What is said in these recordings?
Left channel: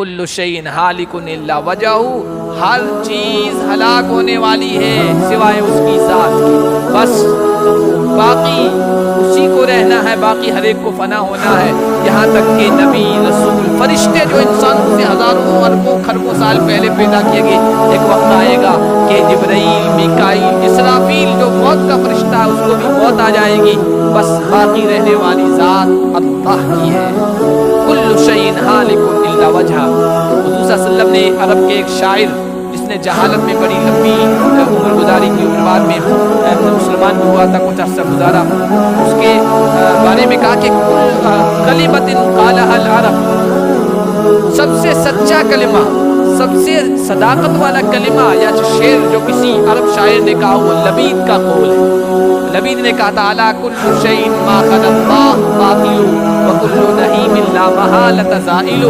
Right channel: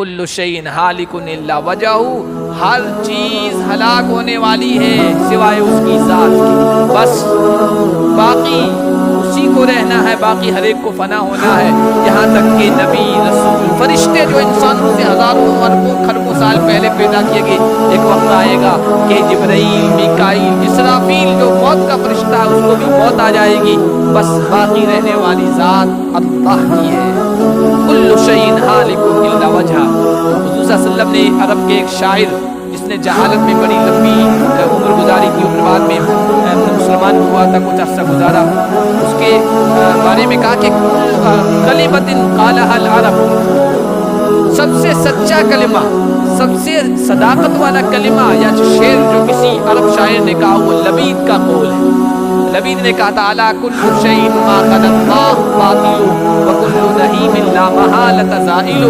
کل شیء ہالک الا وجہہ، ہر چیز ہلاک ہونے والی ہے سوائے اس کی ذات کے، بس باقی اسی کو رہنا ہے، باقی ہر ایک کو فنا ہونا ہے، یہاں تک کہ نبی، رسول، فرشتے جو انسانوں سے ہزاروں اربوں کھربوں سال پہلے پیدا کیے گئے، ایک وقت آئے گا کہ جبرائیل، میکائیل، اسرافیل جو موت کا فرشتہ ہے اس کو بھی موت آ جائے گی، بس باقی رہنے والی ذات اللہ کی ہے۔ کل شیء ہالک الا وجہہ۔ حضور صلی اللہ علیہ وسلم نے عرب کے ایک شاعر جس نے جہالت میں بڑی لمبی عمر گزاری کی، عمر بعد میں مسلمان بھی ہوا تھا، کچھ عرصہ گزارا، اس کے بارے میں کہا کہ کلمۃ قالها العرب، سب سے سچا کلمہ، سب سے صداقت والا کلمہ یا شعر جو کسی عرب شاعر نے کہا وہ لبید کا قول ہے۔ لبید نے کہا تھا الا کل شیء ما خلا اللہ باطل وکل نعیم لا محالۃ زائل،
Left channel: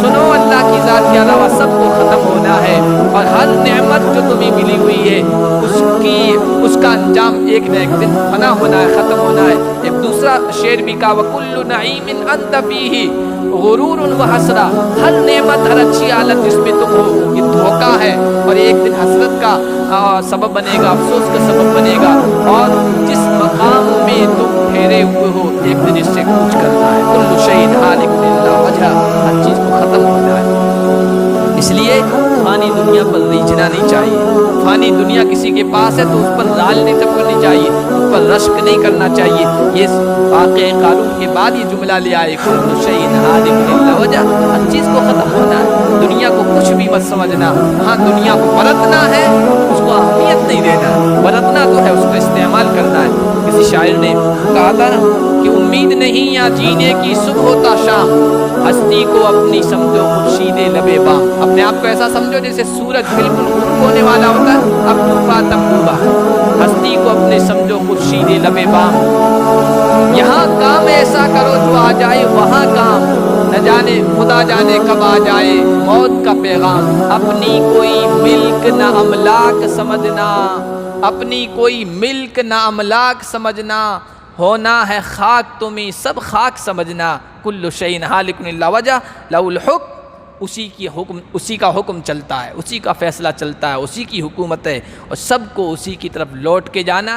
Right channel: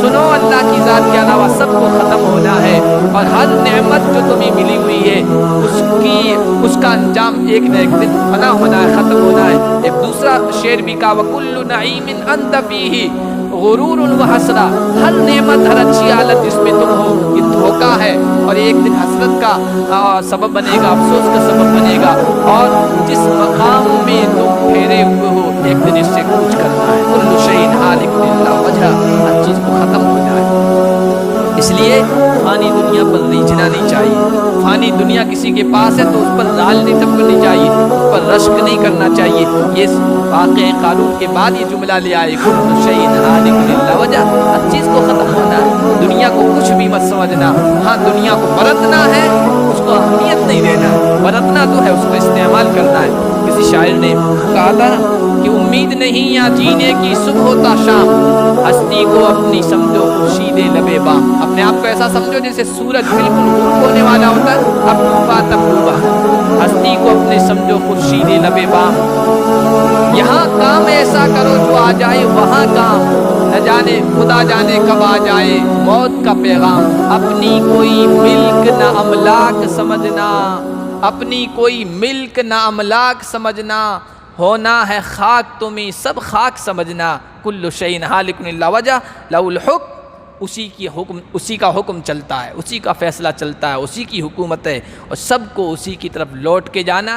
سنو اللہ کی ذات کے علاوہ سب کو ختم ہونا ہے، اور ہر نعمت جو تمہیں ملی ہوئی ہے اس کا انجام ایک نہ ایک دن فنا ہونا ہے، ختم ہونا ہے۔ ایک دوسرا شعر بھی کہا وکل نعیم انت فیہ غرور و حسرہ، ہر نعمت، ہر اچھی حالت جس میں تم ہو یہ دھوکہ ہے اور ایک دن حسرت کا سبب بنے گا، افسوس کا سبب بنے گا، اور جس مقام میں تم ٹھہرے ہوئے ہو ایک دن اس سے کوچ کرنا ہے۔ کل شیء ہالک الا وجہہ، ہر چیز کو ختم ہونا ہے۔ اس لیے فانی دنیا پر ریجھنا نہیں چاہیے، فانی دنیا کسی کے پاس ہے تو اس پر لال نہیں ٹپکنی چاہیے، اس پر رشک نہیں کرنا چاہیے۔ یہ واقعہ قارون کے بعد یہ جملہ لے آئے کل شیء ہالک الا وجہہ، ہر چیز کو ختم ہونا ہے، دنیا کو کچھ بھی مت سمجھنا، ہاں دنیا کو برتنا ہے، اس کو اہمیت نہیں دینا ہے، برتنا تو ہے، اس کا استعمال کرنا ہے۔ کسی شاعر نے کہا تھا نا کہ امید نہیں یا جینے کی صبح ہوتا شام، ہستی کو اپنی سمجھو خورشید لب بام، اپنے آپ کو ایسا سمجھو جیسے سورج بالکل غروب ہونے والا ہوتا ہے، اب ڈوبا تب ڈوبا، ہستی کو اپنے سمجھو خورشید لب بام، یہاں کام ایسا کرو جو آ جائے وہاں کام، نہ جانے خدا جانے کب آ جائے موت کا پیغام، اپنی کوئی ملک نہ املاک سمجھنا، اپنی کوئی ملک نہ املاک سمجھنا، ہونا ہے خاک تمہیں سب خاک سمجھنا، کل شیء ہالک الا وجہہ لہ الحکم، اسی کا حکم چلتا ہے، اسی کا فیصلہ چلتا ہے، اسی کی حکومت ہے، اور سب کو اسی کی طرف لوٹ کے جانا